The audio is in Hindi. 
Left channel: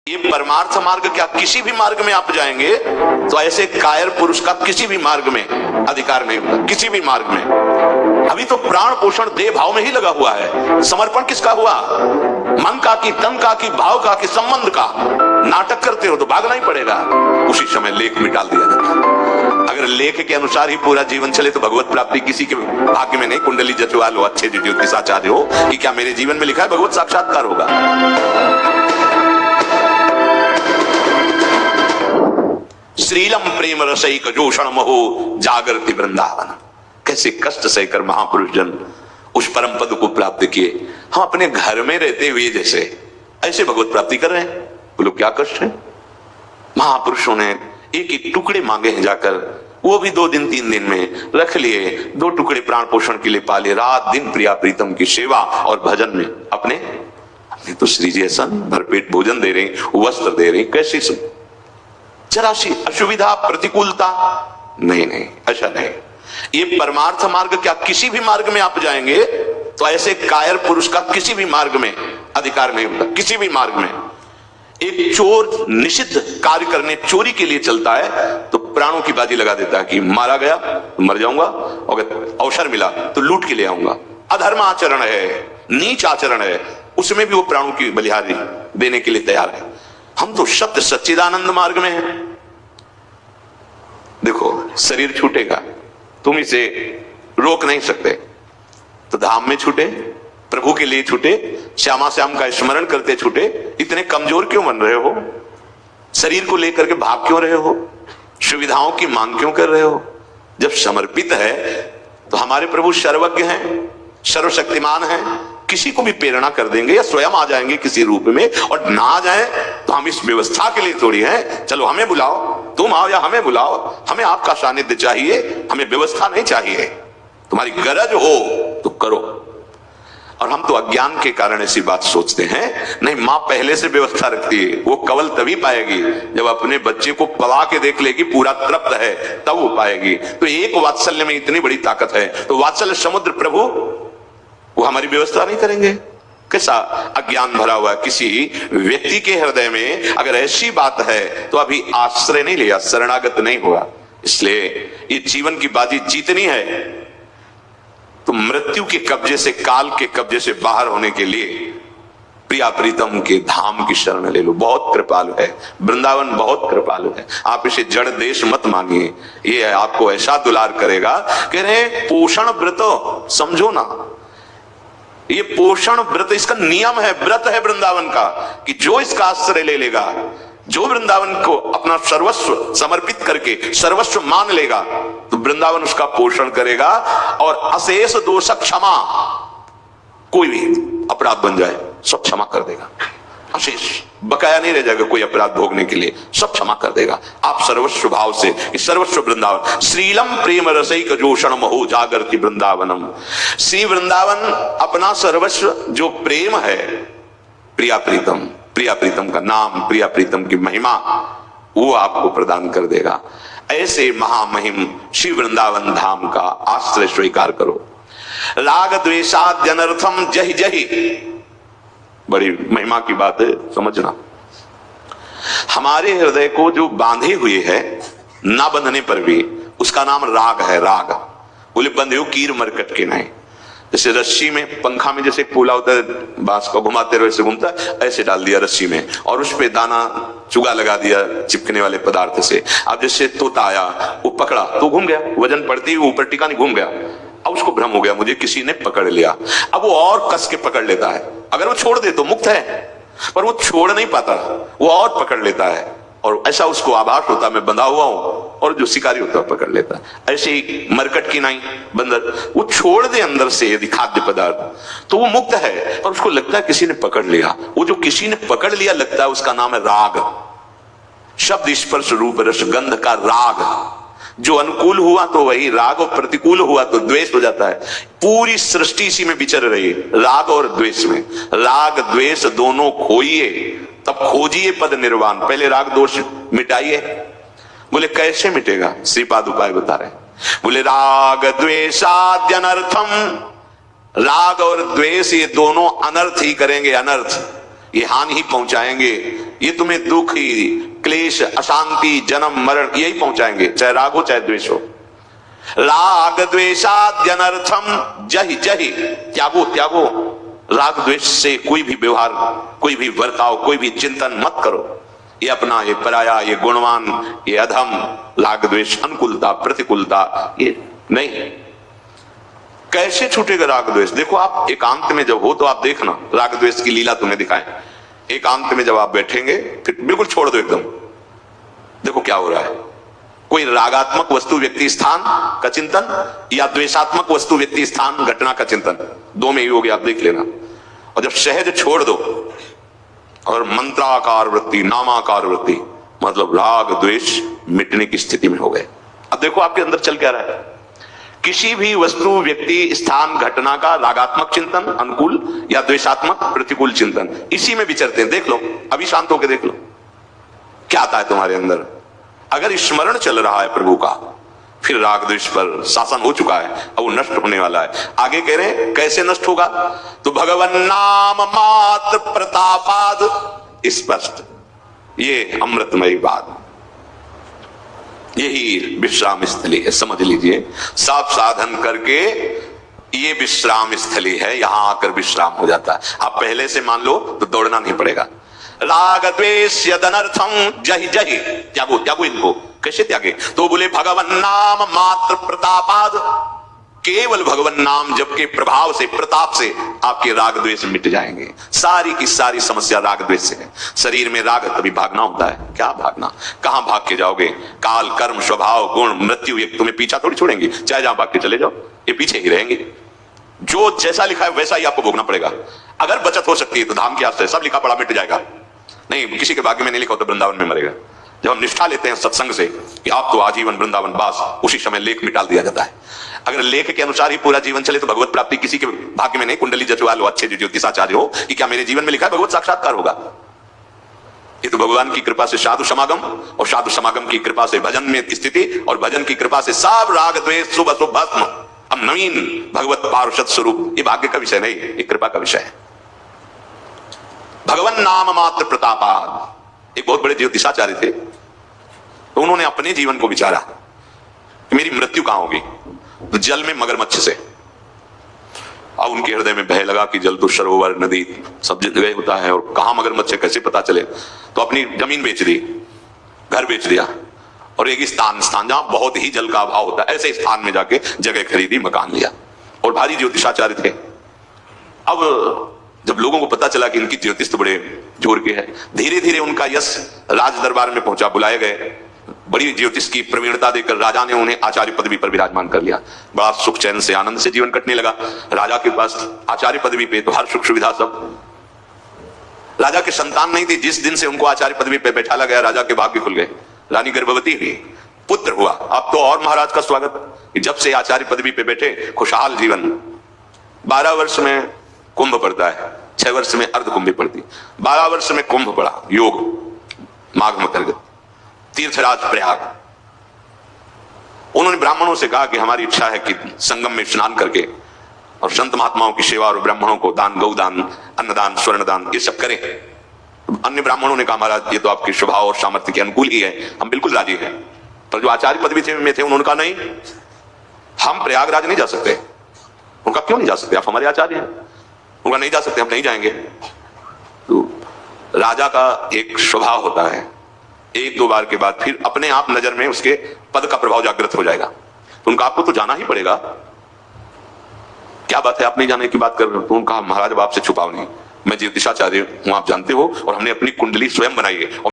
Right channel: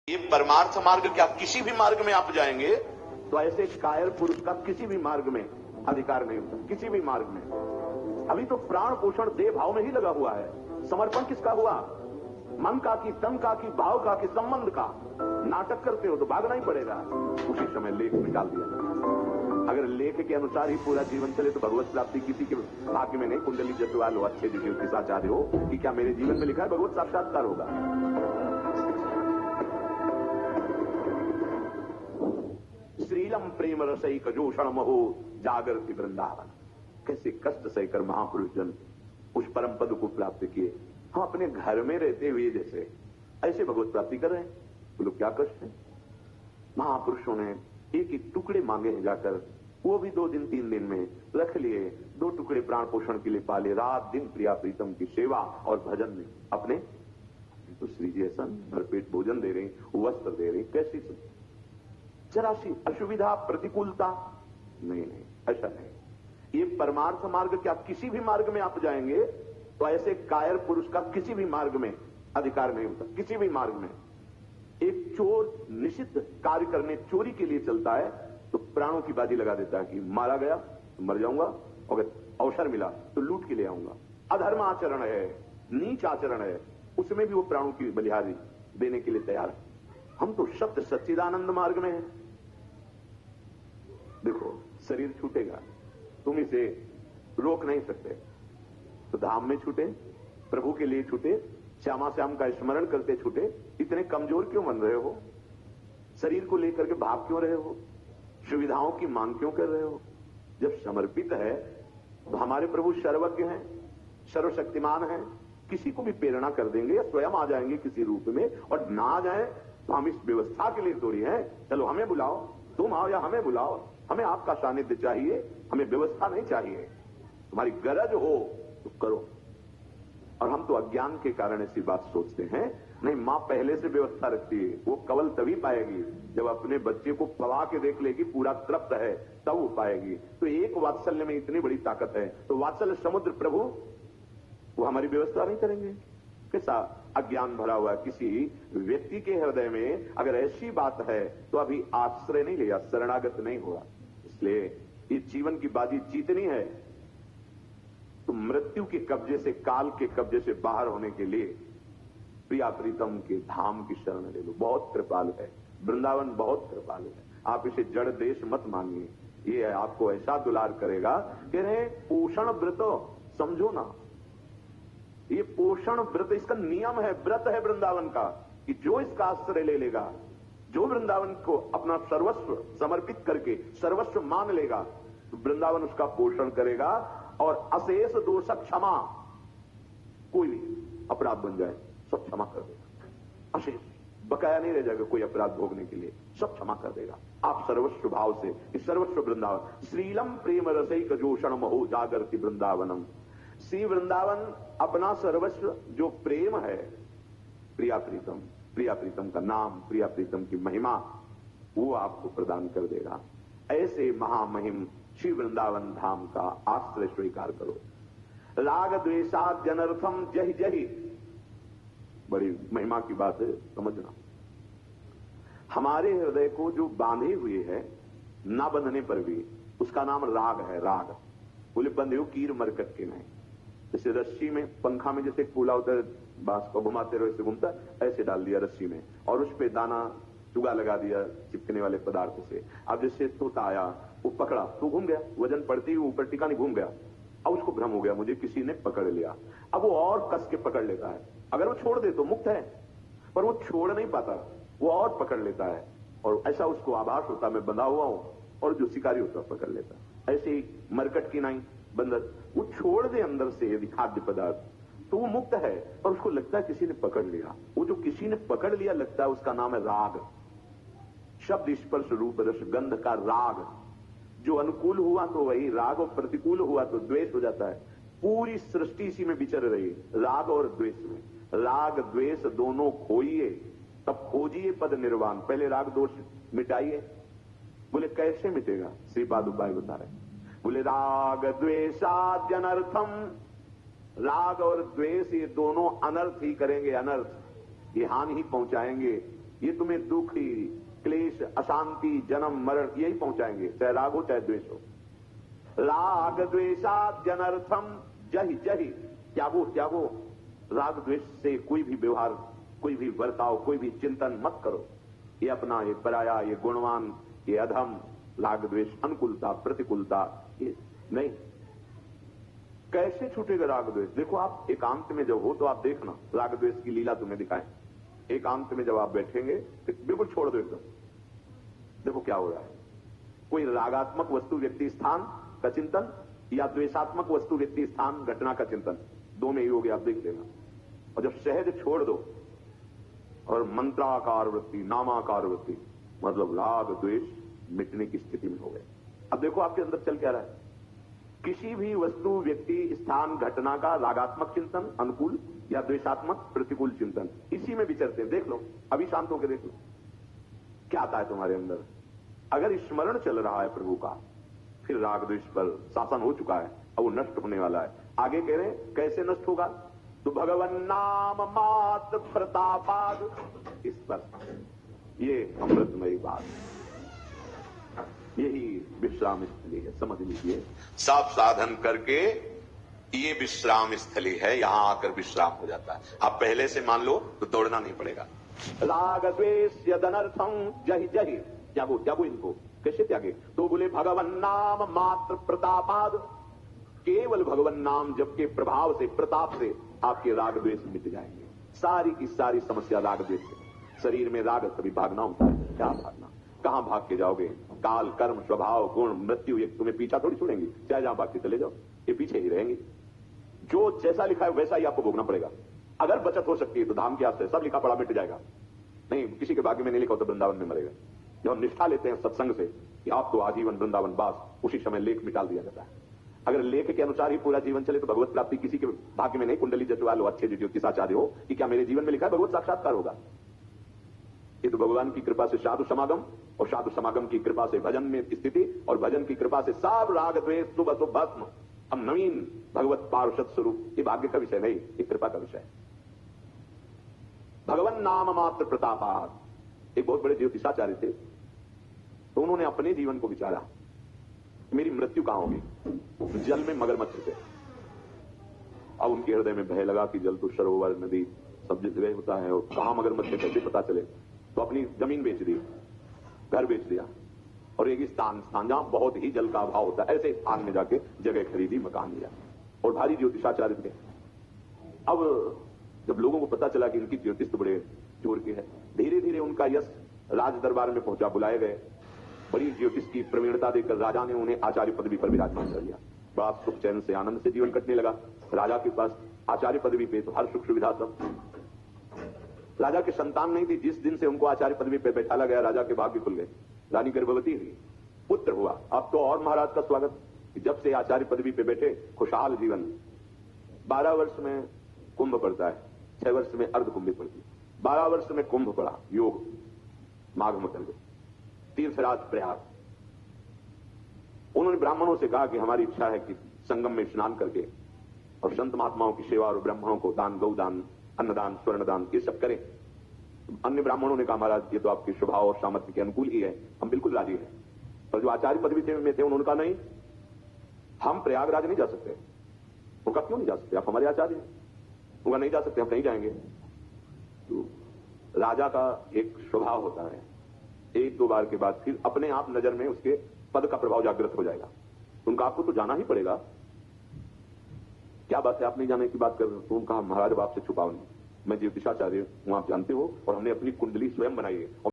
ये परमार्थ मार्ग क्या किसी भी मार्ग में आप जाएंगे तो ऐसे कायर पुरुष का किसी भी मार्ग में अधिकार नहीं होगा, किसी भी मार्ग में। अभी तो प्राण पोषण देह भाव में ही लगा हुआ है। समर्पण किसका हुआ? मन का कि तन का कि भाव का कि संबंध का। नाटक करते हो तो भागना ही पड़ेगा। उसी समय लेख में डाल दिया जाता। अगर लेख के अनुसार ही पूरा जीवन चले तो भगवत प्राप्ति किसी के भाग्य में नहीं। कुंडली जचवा लो, अच्छे ज्योतिषाचार्य हो कि क्या मेरे जीवन में लिखा है भगवत साक्षात्कार होगा। श्रीलम प्रेम रसैक जोषण महो जागृति वृंदावन। कैसे कष्ट सहकर महापुरुष जन उस परम पद को प्राप्त किए। हम अपने घर में रहते हुए जैसे ऐसे भगवत प्राप्ति कर रहे हैं। बोलो क्या कष्ट है। महापुरुषों ने एक एक टुकड़े मांगे हैं जाकर, वो भी 2 दिन 3 दिन में रख लिए। 2 टुकड़े प्राण पोषण के लिए पाले। रात दिन प्रिया प्रीतम की सेवा और भजन में अपने तो श्री जी ऐसा नहीं भरपेट भोजन दे रहे, वस्त्र दे रहे, कैसे सब जरा सी असुविधा प्रतिकूलता नहीं, ऐसा नहीं। ये परमार्थ मार्ग क्या किसी भी मार्ग में आप जाएंगे तो ऐसे कायर पुरुष का किसी भी मार्ग में अधिकार नहीं होता, किसी भी मार्ग में। एक चोर निषिद्ध कार्य करने चोरी के लिए चलता है तो प्राणों की बाजी लगा देता है कि मारा गया तो मर जाऊंगा, अगर अवसर मिला तो लूट के ले आऊंगा। अधर्म आचरण है, नीच आचरण है, उसमें भी वो प्राणों की बलिहारी देने के लिए तैयार है। हम तो सत्य सच्चिदानंद मार्ग में हैं। देखो शरीर छूटेगा, तुम इसे रोक नहीं सकते, तो धाम में छूटे, प्रभु के लिए छूटे, श्यामा श्याम का स्मरण करते छूटे। इतने कमजोर क्यों बन रहे हो? शरीर को लेकर के भाग क्यों रहे हो? सुविधाओं की मांग क्यों कर रहे हो? जब समर्पित है तो हमारे प्रभु सर्वज्ञ हैं, सर्वशक्तिमान हैं, किसी को भी प्रेरणा कर देंगे या स्वयं आ जाएंगे किसी रूप में। और ना आ जाए तो हम इस व्यवस्था के लिए थोड़ी हैं, चलो हमें बुलाओ, तुम आओ या हमें बुलाओ, हमें आपका सानिध्य चाहिए, हमें व्यवस्था नहीं चाहिए। तुम्हारी गरज हो तो करो। और हम तो अज्ञान के कारण ऐसी बात सोचते हैं। नहीं, मां पहले से व्यवस्था रखती है। वो कवल तभी पाएगी जब अपने बच्चे को पला के देख लेगी पूरा तृप्त है, तब वो पाएगी। तो एक वात्सल्य में इतनी बड़ी ताकत है, तो वात्सल्य समुद्र प्रभु वो हमारी व्यवस्था नहीं करेंगे? कैसा अज्ञान भरा हुआ किसी व्यक्ति के हृदय में अगर ऐसी बात है तो अभी आश्रय नहीं लिया, शरणागत नहीं हुआ। इसलिए ये जीवन की बाजी जीतनी है तो मृत्यु के कब्जे से, काल के कब्जे से बाहर होने के लिए प्रिया प्रीतम के धाम की शरण ले लो। बहुत कृपालु है वृंदावन, बहुत कृपालु है। आप इसे जड़ देश मत मांगिए, ये आपको ऐसा दुलार करेगा। कह रहे पोषण व्रत समझो ना, ये पोषण व्रत इसका नियम है, व्रत है वृंदावन का, कि जो इसका आश्रय ले लेगा, जो वृंदावन को अपना सर्वस्व समर्पित करके सर्वस्व मान लेगा, तो वृंदावन उसका पोषण करेगा। और अशेष दोष क्षमा, कोई भी अपराध बन जाए सब क्षमा कर देगा। अशेष बकाया नहीं रह जाएगा कोई अपराध भोगने के लिए, सब क्षमा कर देगा। आप सर्वस्व भाव से सर्वस्व वृंदावन। श्रीलम प्रेम रसैक जोषण महो जागृति वृंदावनम। श्री वृंदावन अपना सर्वस्व जो प्रेम है, प्रिया प्रीतम, प्रिया प्रीतम का नाम, प्रिया प्रीतम की महिमा, वो आपको प्रदान कर देगा। ऐसे महामहिम श्री वृंदावन धाम का आश्रय स्वीकार करो। राग द्वेषाद्यनर्थम जहि जहि, बड़ी महिमा की बात है, समझना। हमारे हृदय को जो बांधे हुए है ना बंधने पर भी, उसका नाम राग है। राग बोले बंधे हो कीर मरकट के नहीं। जैसे रस्सी में, पंखा में जैसे पोला होता है, बांस को घुमाते रहो ऐसे घूमता है, ऐसे डाल दिया रस्सी में और उस पे दाना चुगा लगा दिया चिपकने वाले पदार्थ से। अब जैसे तोता आया, वो पकड़ा तो घूम गया, वजन पड़ती हुई ऊपर टिका नहीं, घूम गया। अब उसको भ्रम हो गया मुझे किसी ने पकड़ लिया। अब वो और कस के पकड़ लेता है। अगर वो छोड़ दे तो मुक्त है, पर वो छोड़ नहीं पाता, वो और पकड़ लेता है। और ऐसा उसको आभास होता मैं बंधा हुआ हूं, और जो शिकारी होता है पकड़ लेता है। ऐसे ही मरकट की नाई, बंदर, वो छोड़ दे अंदर से यदि खाद्य पदार्थ तो वो मुक्त है, पर उसको लगता है किसी ने पकड़ लिया। वो जो किसी ने पकड़ लिया लगता है, उसका नाम है राग। शब्द स्पर्श रूप रस गंध का राग। जो अनुकूल हुआ तो वही राग, और प्रतिकूल हुआ तो द्वेष हो जाता है। पूरी सृष्टि इसी में विचर रही है, राग और द्वेष में। राग द्वेष दोनों खोइए तब खोजिए पद निर्वाण। पहले राग दोष मिटाइए। बोले कैसे मिटेगा? श्रीपाद उपाय बता रहे हैं। बोले राग द्वेषाद्यनर्थम, राग और द्वेष ये दोनों अनर्थ ही करेंगे, अनर्थ। ये हानि ही पहुंचाएंगे, ये तुम्हें दुख ही, क्लेश, अशांति, जन्म मरण यही पहुंचाएंगे, चाहे राग हो चाहे द्वेष हो। राग द्वेषाद्यनर्थम जहि जहि, त्यागो त्यागो, राग द्वेष से कोई भी व्यवहार, कोई भी वर्ताव, कोई भी चिंतन मत करो। ये अपना, ये पराया, ये गुणवान, ये अधम, राग द्वेष, अनुकूलता प्रतिकूलता, ये नहीं। कैसे छूटेगा राग द्वेष? देखो आप एकांत में जब हो तो आप देखना, राग द्वेष की लीला तुम्हें दिखाएं। एकांत में जब आप बैठेंगे फिर बिल्कुल छोड़ दो एकदम, देखो क्या हो रहा है। कोई रागात्मक वस्तु व्यक्ति स्थान का चिंतन या द्वेषात्मक वस्तु व्यक्ति स्थान घटना का चिंतन, दो में ही हो गया, आप देख लेना। और जब सहज छोड़ दो और मंत्राकार वृत्ति, नामाकार वृत्ति, मतलब राग द्वेष मिटने की स्थिति में हो गए। अब देखो आपके अंदर चल क्या रहा है। किसी भी वस्तु व्यक्ति स्थान घटना का रागात्मक चिंतन अनुकूल या द्वेषात्मक प्रतिकूल चिंतन, इसी में विचरते हैं। देख लो, अभी शांत होकर देख लो क्या आता है तुम्हारे अंदर। अगर स्मरण चल रहा है प्रभु का, फिर राग द्वेष पर शासन हो चुका है, अब वो नष्ट होने वाला है। आगे कह रहे हैं कैसे नष्ट होगा, तो भगवन नाम मात्र प्रतापाद, स्पष्ट, ये अमृतमयी बात, यही विश्राम स्थली है, समझ लीजिए। सब साधन करके ये विश्राम स्थली है, यहां आकर विश्राम हो जाता है। आप पहले से मान लो तो दौड़ना नहीं पड़ेगा। राग द्वेष यदनर्थम जहि जहि, त्यागो त्यागो इनको। कैसे त्यागे, तो बोले भगवन नाम मात्र प्रतापाद, केवल भगवन नाम जप के प्रभाव से, प्रताप से आपके राग द्वेष मिट जाएंगे। सारी की सारी समस्या राग द्वेष से है। शरीर में राग है तभी भागना होता है, क्या भागना, कहां भाग के जाओगे। काल कर्म स्वभाव गुण मृत्यु एक तुम्हें पीछा थोड़ी छोड़ेंगे, चाहे जहां भाग के चले जाओ, ये पीछे ही रहेंगे। जो जैसा लिखा है वैसा ही आपको भोगना पड़ेगा। अगर बचत हो सकती है तो धाम की आस है, सब लिखा पड़ा मिट जाएगा। नहीं, किसी के भाग्य में नहीं लिखा हो तो वृंदावन में मरेगा। जब हम निष्ठा लेते हैं सत्संग से कि आप तो आजीवन वृंदावन वास, उसी समय लेख मिटाल दिया जाता है। अगर लेख के अनुसार ही पूरा जीवन चले तो भगवत प्राप्ति किसी के भाग्य में नहीं। कुंडली जचवा लो, अच्छे ज्योतिषाचार्य हो कि क्या मेरे जीवन में लिखा है भगवत साक्षात्कार होगा। ये तो भगवान की कृपा से साधु समागम, और साधु समागम की कृपा से भजन में स्थिति, और भजन की कृपा से सब राग द्वेष शुभ अशुभ भस्म, अब नवीन भगवत पार्षद स्वरूप। ये भाग्य का विषय नहीं, ये कृपा का विषय है। भगवान नाम मात्र प्रतापाद, एक बहुत बड़े ज्योतिषाचार्य थे, तो उन्होंने अपने जीवन को विचारा कि मेरी मृत्यु कहां होगी, तो जल में मगरमच्छ से। अब उनके हृदय में भय लगा कि जल तो सरोवर नदी सब जगह होता है, और कहां मगरमच्छ है कैसे पता चले। तो अपनी जमीन बेच दी, घर बेच दिया, और एक स्थान जहां बहुत ही जल का अभाव होता है, ऐसे स्थान में जाके जगह खरीदी, मकान लिया, और भारी ज्योतिषाचार्य थे। अब जब लोगों को पता चला कि इनकी ज्योतिष तो बड़े जोर के है, धीरे धीरे उनका यश राज दरबार में पहुंचा, बुलाए गए। बड़ी ज्योतिष की प्रवीणता देकर राजा ने उन्हें आचार्य पदवी पर विराजमान कर लिया। बड़ा सुख चैन से आनंद से जीवन कटने लगा। राजा के पास आचार्य पदवी पे तो हर सुख सुविधा सब। राजा के संतान नहीं थी, जिस दिन से उनको आचार्य पदवी पे बैठाला गया राजा के भाग्य खुल गए। रानी गर्भवती हुई, पुत्र हुआ। अब तो और महाराज का स्वागत, जब से आचार्य पदवी पे बैठे खुशहाल जीवन। 12 वर्ष में कुंभ पड़ता है, 6 वर्ष में अर्ध कुंभी पड़ती, 12 वर्ष में कुंभ पड़ा, योग माघ अंतर्गत, तीर्थराज प्रयाग। उन्होंने ब्राह्मणों से कहा कि हमारी इच्छा है कि संगम में स्नान करके और संत महात्माओं की सेवा और ब्राह्मणों को दान, गौदान, अन्नदान, स्वर्णदान ये सब करें। अन्य ब्राह्मणों ने कहा महाराज ये तो आपके स्वभाव और सामर्थ्य के अनुकूल ही है, हम बिल्कुल राजी हैं। पर जो आचार्य पदवी में थे उन्होंने कहा नहीं, हम प्रयागराज नहीं जा सकते। उनका क्यों नहीं जा सकते, आप हमारे आचार्य हैं। उनका नहीं जा सकते, हम नहीं जाएंगे। तो राजा का एक स्वभाव होता है, 1-2 बार के बाद फिर अपने आप नजर में उसके पद का प्रभाव जागृत हो जाएगा। तो उनका आपको तो जाना ही पड़ेगा। क्या बात है, आप नहीं जाने की बात कर रहे हो। तो उनका महाराज अब आपसे छुपाओ नहीं, मैं ज्योतिषाचार्य हूं, आप जानते हो, और हमने अपनी कुंडली स्वयं बनाई है।